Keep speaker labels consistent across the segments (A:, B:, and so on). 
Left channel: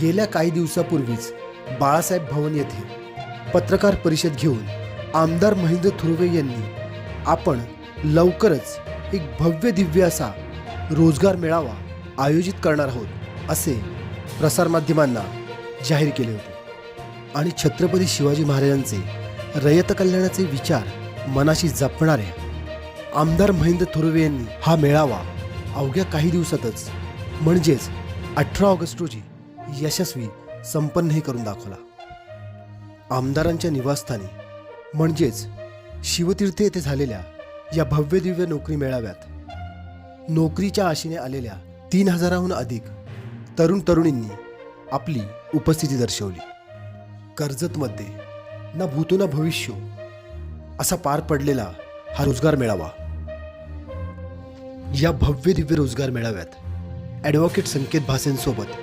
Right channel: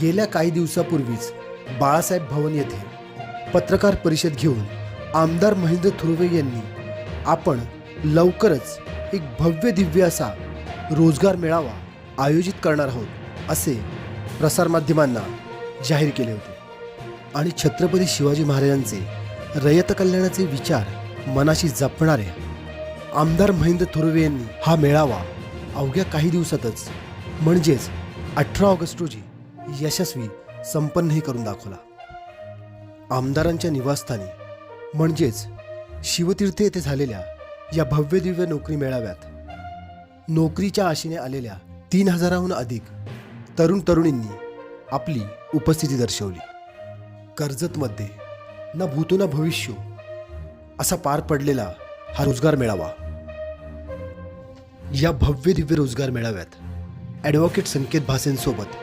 A: गेल्या काही दिवसापूर्वीच बाळासाहेब भवन येथे पत्रकार परिषद घेऊन आमदार महेंद्र थुर्वे यांनी आपण लवकरच एक भव्य दिव्य असा रोजगार मेळावा आयोजित करणार आहोत असे प्रसारमाध्यमांना जाहीर केले होते. आणि छत्रपती शिवाजी महाराजांचे रयत कल्याणाचे विचार मनाशी जपणाऱ्या आमदार महेंद्र थोरवे यांनी हा मेळावा अवघ्या काही दिवसातच म्हणजेच अठरा ऑगस्ट रोजी यशस्वी संपन्नही करून दाखवला. आमदारांच्या निवासस्थानी म्हणजेच शिवतीर्थ येथे झालेल्या या भव्य दिव्य नोकरी मेळाव्यात नोकरीच्या आशेने आलेल्या तीन हजाराहून अधिक तरुण तरुणींनी आपली उपस्थिती दर्शवली. कर्जतमध्ये ना भूतो ना भविष्य असा पार पडलेला हा रोजगार मेळावा. या भव्य दिव्य रोजगार मेळाव्यात ॲडव्होकेट संकेत भासेंसोबत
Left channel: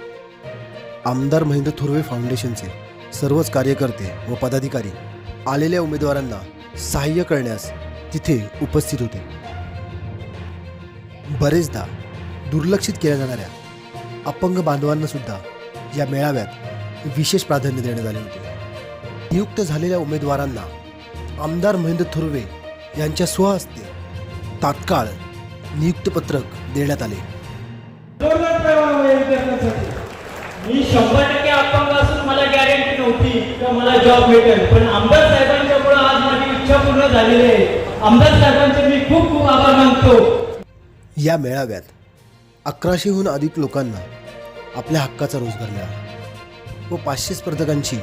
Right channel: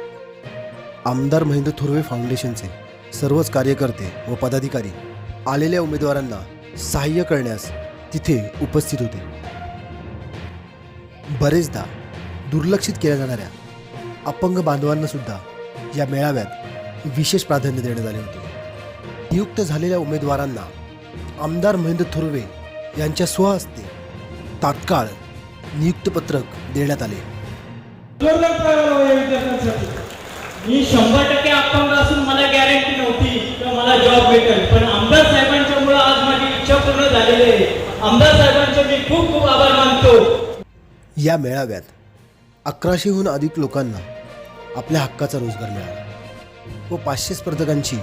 A: आमदार महेंद्र थुर्वे फाउंडेशनचे सर्वच कार्यकर्ते व पदाधिकारी आलेल्या उमेदवारांना सहाय्य करण्यास तिथे उपस्थित होते. बरेचदा दुर्लक्षित केल्या जाणाऱ्या अपंग बांधवांना सुद्धा या मेळाव्यात विशेष प्राधान्य देण्यात आले होते. नियुक्त झालेल्या उमेदवारांना आमदार महेंद्र थुर्वे यांच्या स्वहस्ते तात्काळ नियुक्तपत्रक देण्यात आले.
B: मी शंभर टक्के अपंग असून मला गॅरंटी नव्हती किंवा मला जॉब भेटेल. पण आमदार साहेबांच्या मुळे आज माझी इच्छा पूर्ण झालेली आहे. आमदार साहेबांचे मी खूप खूप आभार मानतो.
A: या मेळाव्यात अकराशेहून अधिक लोकांना आपल्या हक्काचा रोजगार मिळाला. व पाचशे स्पर्धकांची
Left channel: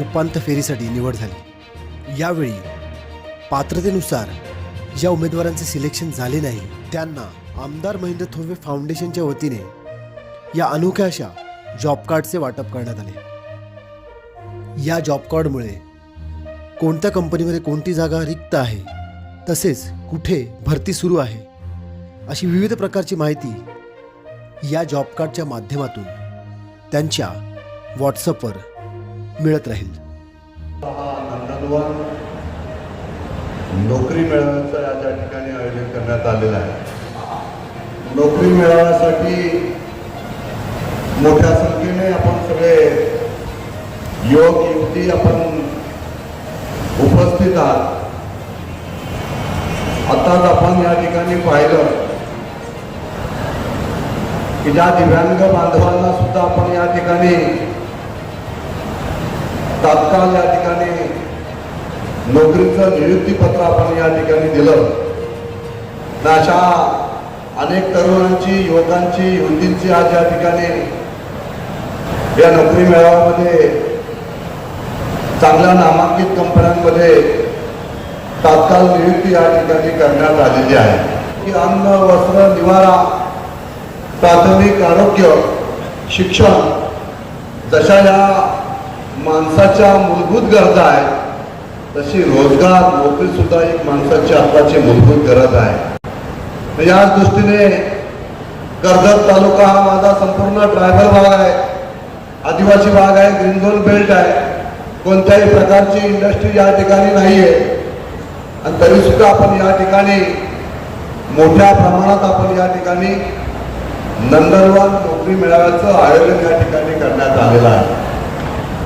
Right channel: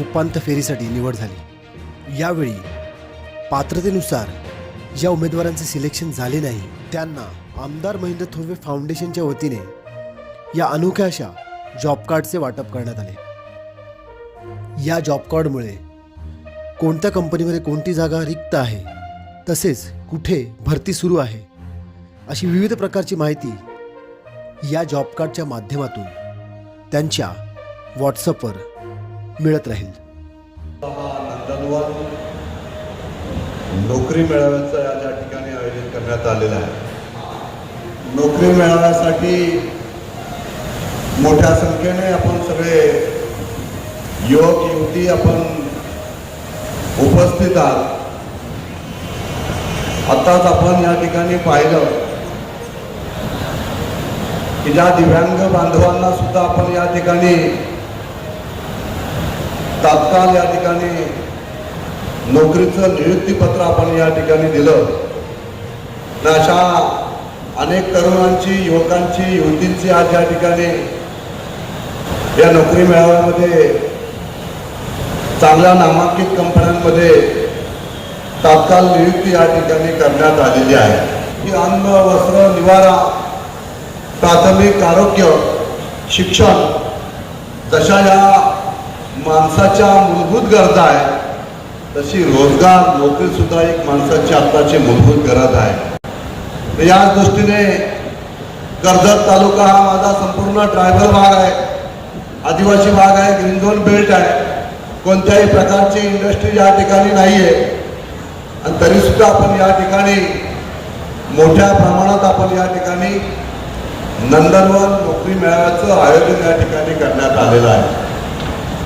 A: उपांत्य फेरीसाठी निवड झाली. यावेळी पात्रतेनुसार ज्या उमेदवारांचे सिलेक्शन झाले नाही त्यांना आमदार महेंद्र थोरवे फाउंडेशनच्या वतीने या अनोख्या अशा जॉब कार्डचे वाटप करण्यात आले. या जॉब कार्डमुळे कोणत्या कंपनीमध्ये कोणती जागा रिक्त आहे तसेच कुठे भरती सुरू आहे अशी विविध प्रकारची माहिती या जॉब कार्डच्या माध्यमातून त्यांच्या व्हॉट्सअपवर मिळत राहील.
C: नोकरी मेळाव्याचं या ठिकाणी आयोजन करण्यात आलेलं आहे. नोकरी मेळाव्यासाठी मोठ्या संख्येने आपण सगळे युवक युवती आपण उपस्थित आहात. आताच आपण या ठिकाणी पाहिलं की ज्या दिव्यांग बांधवांना सुद्धा आपण या ठिकाणी तात्काळ या ठिकाणी नोकरीचं नियुक्तीपत्र आपण या ठिकाणी दिलं. तर अशा अनेक तरुणांची युवकांची युवतींची आज या ठिकाणी या नोकरी मेळाव्यामध्ये चांगल्या नामांकित कंपन्यांमध्ये तात्काळ नियुक्ती या ठिकाणी करण्यात आलेली आहे. की अन्न वस्त्र निवारा प्राथमिक आरोग्य शिक्षण जशा या माणसाच्या मूलभूत गरजा आहेत तशी रोजगार नोकरी सुद्धा एक माणसाची आताची मूलभूत गरज आहे. याच दृष्टीने कर्जत तालुका हा माझा संपूर्ण ट्रायबल भाग आहे. आदिवासी भाग आहे ग्रीन झोन बेल्ट आहे. कोणत्याही प्रकारची इंडस्ट्री या ठिकाणी नाही आहे आणि तरीसुद्धा आपण या ठिकाणी मोठ्या प्रमाणात आपण या ठिकाणी नंदनवन नोकरी मेळाव्याचं आयोजन या ठिकाणी करण्यात आलेलं आहे.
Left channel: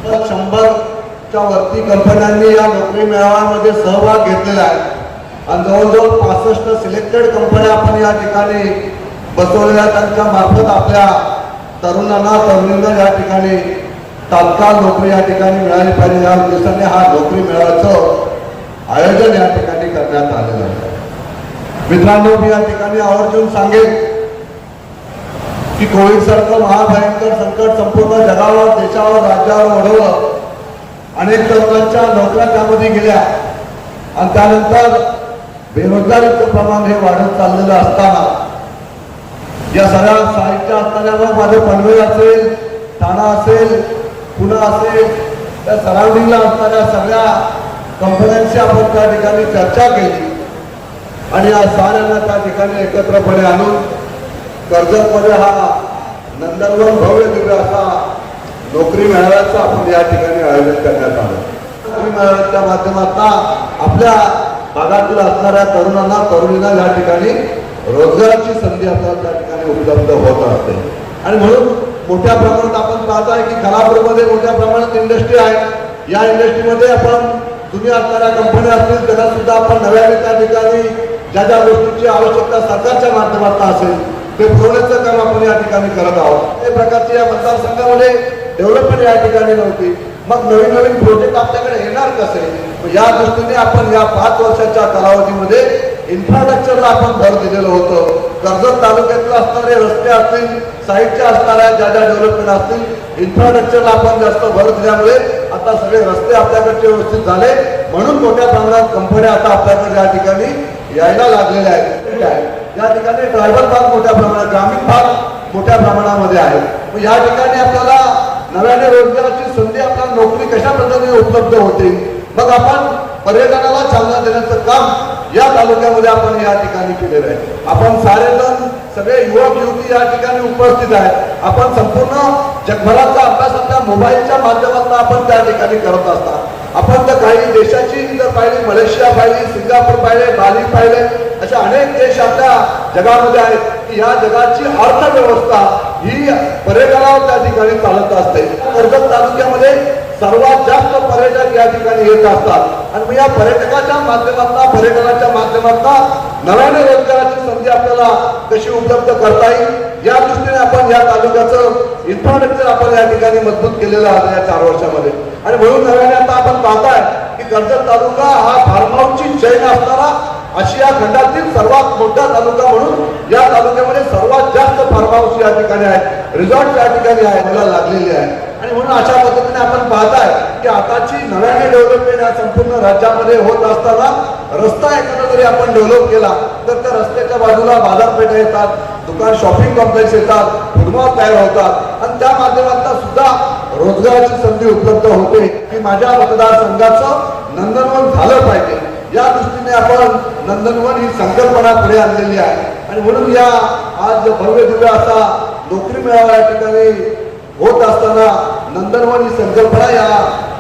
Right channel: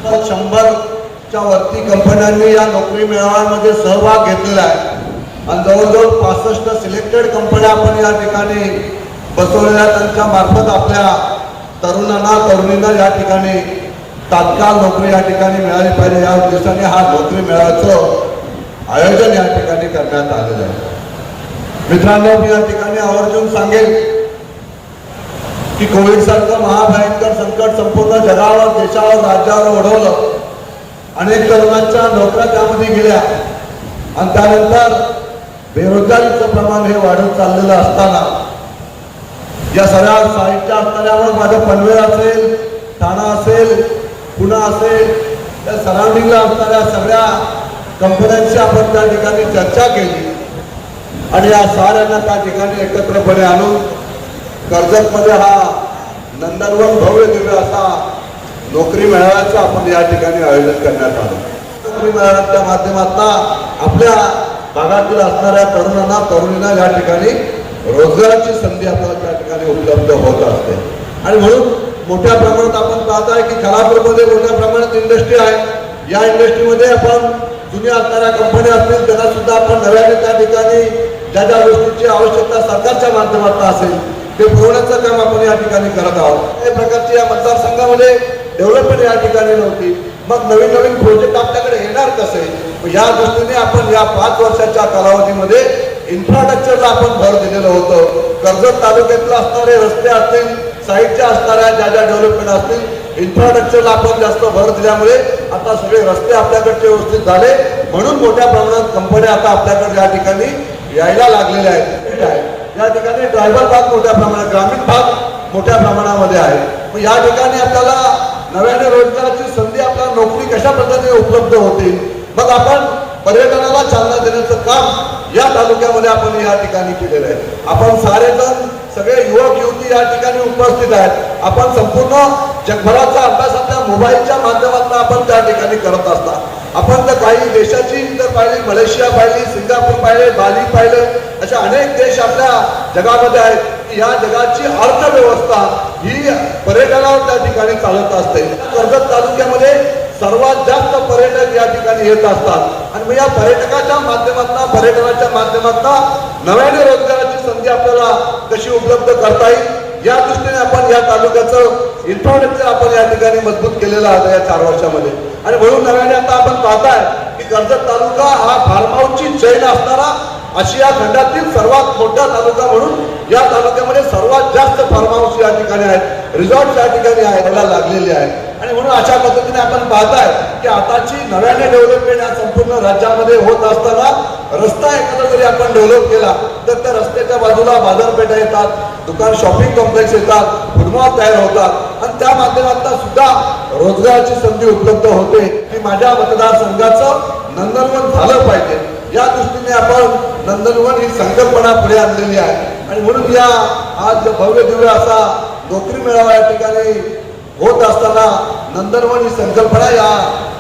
C: तर शंभरच्या वरती कंपन्यांनी या नोकरी मेळाव्यामध्ये सहभाग घेतलेला आहे. आणि जवळजवळ पासष्ट सिलेक्टेड कंपन्या आपण या ठिकाणी बसवलेल्या त्यांच्या मार्फत आपल्या तरुणांना तरुणींना या ठिकाणी तात्काळ नोकरी या ठिकाणी मिळाली पाहिजे. या उद्देशाने हा नोकरी मेळाव्याचं आयोजन या ठिकाणी करण्यात आलेलं आहे. मित्रांनो मी या ठिकाणी आवर्जून सांगेल की कोविड सारखं महाभयंकर संकट संपूर्ण जगावर देशावर राज्यावर ओढवलं. अनेक तरुणांच्या नोकऱ्या त्यामध्ये गेल्या. आणि त्यानंतर बेरोजगारीचं प्रमाण हे वाढत चाललेलं असताना या सगळ्या साहित्य माझं पनवेल असेल ठाणा असेल पुणे असेल त्या सराउंडिंगला असणाऱ्या सगळ्या कंपन्यांशी आपण त्या ठिकाणी चर्चा केली. आणि या साऱ्यांना त्या ठिकाणी एकत्रपणे आणून कर्जतमध्ये हा नंदनवन भव्य दिव्य असा नोकरी मिळाल्याचं आपण या ठिकाणी आयोजन करण्यात आलं. नोकरी मिळाल्याच्या माध्यमातून आपल्या भागातील असणाऱ्या तरुणांना तरुणींना या ठिकाणी रोजगाराची संधी आपल्याला उपलब्ध होत असते. आणि म्हणून मोठ्या प्रमाणात आपण पाहत आहे की खालापूरमध्ये मोठ्या प्रमाणात इंडस्ट्री आहे. या इंडस्ट्रीमध्ये आपण जुन्या असणाऱ्या कंपन्या असतील त्यांना सुद्धा आपण नव्याने त्या ठिकाणी ज्या ज्या गोष्टीची आवश्यकता सरकारच्या माध्यमातून असेल ते पुरवण्याचं काम आपण या ठिकाणी करत आहोत. काही प्रकारची या मतदारसंघामध्ये डेव्हलपमेंट या ठिकाणी नव्हती. मग नवीन नवीन प्रोजेक्ट आपल्याकडे येणार कसे? या दृष्टीने आपण या पाच वर्षाच्या रस्ते असतील साहित्य असणाऱ्या ज्या ज्या डेव्हलपमेंट असतील इन्फ्रास्ट्रक्चरला आपण जास्त भर दिल्यामुळे आता सगळे रस्ते आपल्याकडचे व्यवस्थित झाले. म्हणून मोठ्या प्रमाणात कंपन्या आता आपल्याकडे या ठिकाणी यायला लागलेल्या आहेत. या ठिकाणी ड्रायव्हर भाग मोठ्या प्रमाणात ग्रामीण भाग मोठ्या प्रमाणामध्ये आहे. या ठिकाणी आपल्याला नव्याने रोजगाराची संधी आपल्याला नोकरी कशा पद्धतीने उपलब्ध होते? मग आपण पर्यटनाला चालना देण्याचं काम या तालुक्यामध्ये आपण या ठिकाणी केलेलं आहे. आपण सारेजण सगळे युवक युवती या ठिकाणी उपस्थित आहेत. आपण संपूर्ण जगभराचा अभ्यास आपल्या मोबाईलच्या माध्यमातून आपण त्या ठिकाणी करत असतात आपण तर काही देशाची जर पाहिली मलेशिया पाहिली सिंगापूर पाहिले बाली पाहिले अशा अनेक देश आपल्या जगामध्ये आहेत की या जगाची अर्थव्यवस्था ही पर्यटना त्या ठिकाणी चालत असते. कर्जत तालुक्यामध्ये सर्वात जास्त पर्यटक या ठिकाणी येत असतात. आणि या पर्यटकाच्या माध्यमातून पर्यटनाच्या माध्यमातून नव्याने रोजगाराची संधी आपल्याला कशी उपलब्ध करता येईल? या दृष्टीने आपण या तालुक्याचं इन्फ्रास्ट्रक्चर आपण या ठिकाणी मजबूत केलेलं आहे या चार वर्षामध्ये. आणि म्हणून नव्याने आता आपण पाहताय की कर्जत तालुका हा फार्महाऊसची चैन असणारा आशिया खंडातील सर्वात मोठा तालुका म्हणून या तालुक्यामध्ये सर्वात जास्त फार्महाऊस या ठिकाणी आहेत. रिझॉर्ट या ठिकाणी आहे मला लागलेले आहे आणि म्हणून अशा आपण पाहताय की आताची नव्याने डेव्हलपमेंट या संपूर्ण राज्यामध्ये होत असताना रस्ता एखादा जरी आपण डेव्हलप केला तर त्या रस्त्याच्या बाजूला बाजारपेठा येतात दुकान शॉपिंग कॉम्प्लेक्स येतात फुटबॉल तयार होतात. आणि त्या माध्यमातून सुद्धा रोजगाराची संधी उपलब्ध होते. की माझ्या मतदारसंघाचं नंदनवन झालं पाहिजे. या दृष्टीने आपण नंदनवन ही संकल्पना पुढे आणलेली आहे. आणि म्हणून या आज भव्य दिव्य असा नोकरी मिळाला या ठिकाणी होत असताना नंदनवन ही संकल्पना या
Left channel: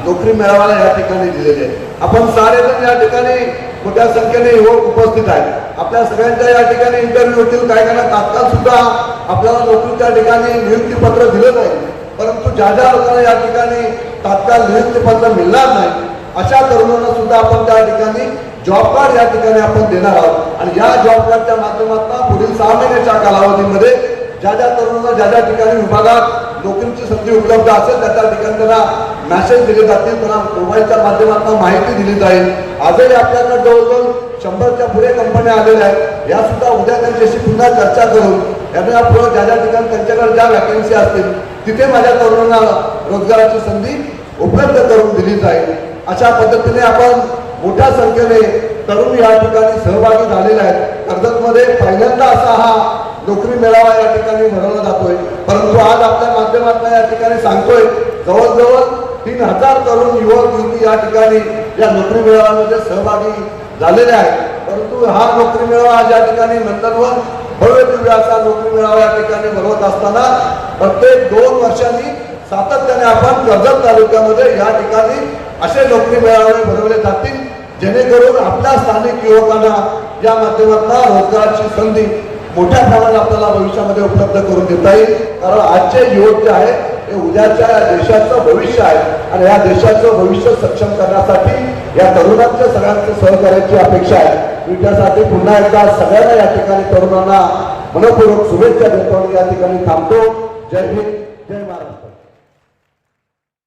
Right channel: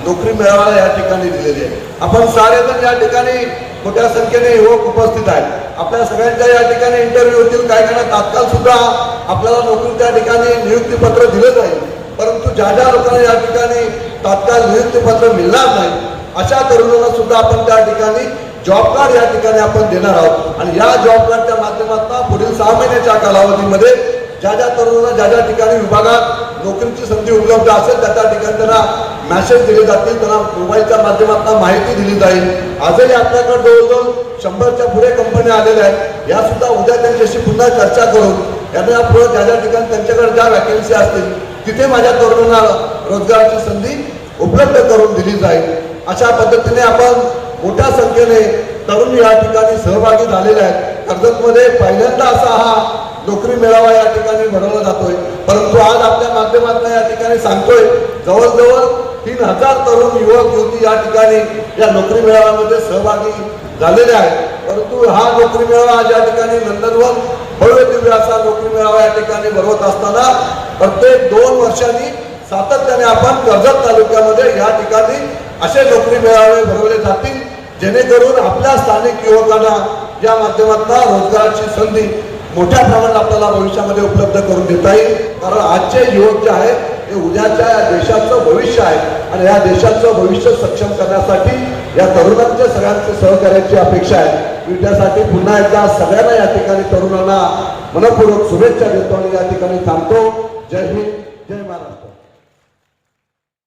C: नोकरी मेळाव्याला या ठिकाणी दिलेली आहे. आपण सारेजण या ठिकाणी मोठ्या संख्येने युवक उपस्थित आहेत. आपल्या सगळ्यांच्या या ठिकाणी इंटरव्ह्यू होतील काही काही तात्काळ सुद्धा आपल्याला नोकरी त्या ठिकाणी नियुक्ती पत्र दिलं जाईल. परंतु ज्या ज्या लोकांना या ठिकाणी तात्काळ नियुक्ती पत्र मिळणार नाही अशा तरुणांना सुद्धा आपण त्या ठिकाणी जॉब कार्ड या ठिकाणी आपण देणार आहोत. आणि या जॉब कार्डच्या माध्यमातून पुढील सहा महिन्याच्या कालावधीमध्ये ज्या ज्या तरुणांना ज्या ज्या ठिकाणी विभागात नोकरीची संधी उपलब्ध असेल त्या त्या ठिकाणी त्यांना मॅसेज दिले जातील त्यांना मोबाईलच्या माध्यमातून माहिती दिली जाईल. आजही आपल्याकडे जवळजवळ शंभरच्या पुढे कंपन्या आलेल्या आहेत. या सुद्धा उद्या त्यांच्याशी पुन्हा चर्चा करून यांना यापुढे ज्या ज्या ठिकाणी त्यांच्याकडे ज्या वॅकन्सी असतील तिथे माझ्या तरुणांना रोजगाराची संधी उपलब्ध करून दिली जाईल. अशा पद्धतीने आपण मोठ्या संख्येने तरुण या ठिकाणी सहभागी झालेले आहेत. कर्जतमध्ये पहिल्यांदा असा हा नोकरी मेळावा या ठिकाणी भरवला जातोय. आज आपल्या माध्यमातून या ठिकाणी सांगतोय जवळजवळ तीन हजार तरुण युवक युवती या ठिकाणी या नोकरी मेळाव्यामध्ये सहभागी झालेले आहेत. परंतु हा नोकरी मेळावा या ठिकाणी नंदनवन भव्य दिव्य असा नोकरी मेळावा या ठिकाणी भरवत असताना प्रत्येक दोन वर्षांनी सातत्याने आपण कर्जत तालुक्यामध्ये या ठिकाणी असे नोकरी मेळावे भरवले जातील जेणेकरून आपल्या स्थानिक युवकांना या माध्यमातून रोजगाराची संधी मोठ्या प्रमाणात आपल्याला भविष्यामध्ये उपलब्ध करून देता येईल. कारण आजचे युवक जे आहे हे उद्याच्या देशाचं भविष्य आहे. आणि या देशाचं भविष्य सक्षम करण्यासाठी या तरुणांच्या सगळ्यांचं सहकार्याची अपेक्षा आहे. त्यासाठी पुन्हा एकदा सगळ्यांना या ठिकाणी तरुणांना मनपूर्वक शुभेच्छा देतो या ठिकाणी थांबतो. जय हिंद.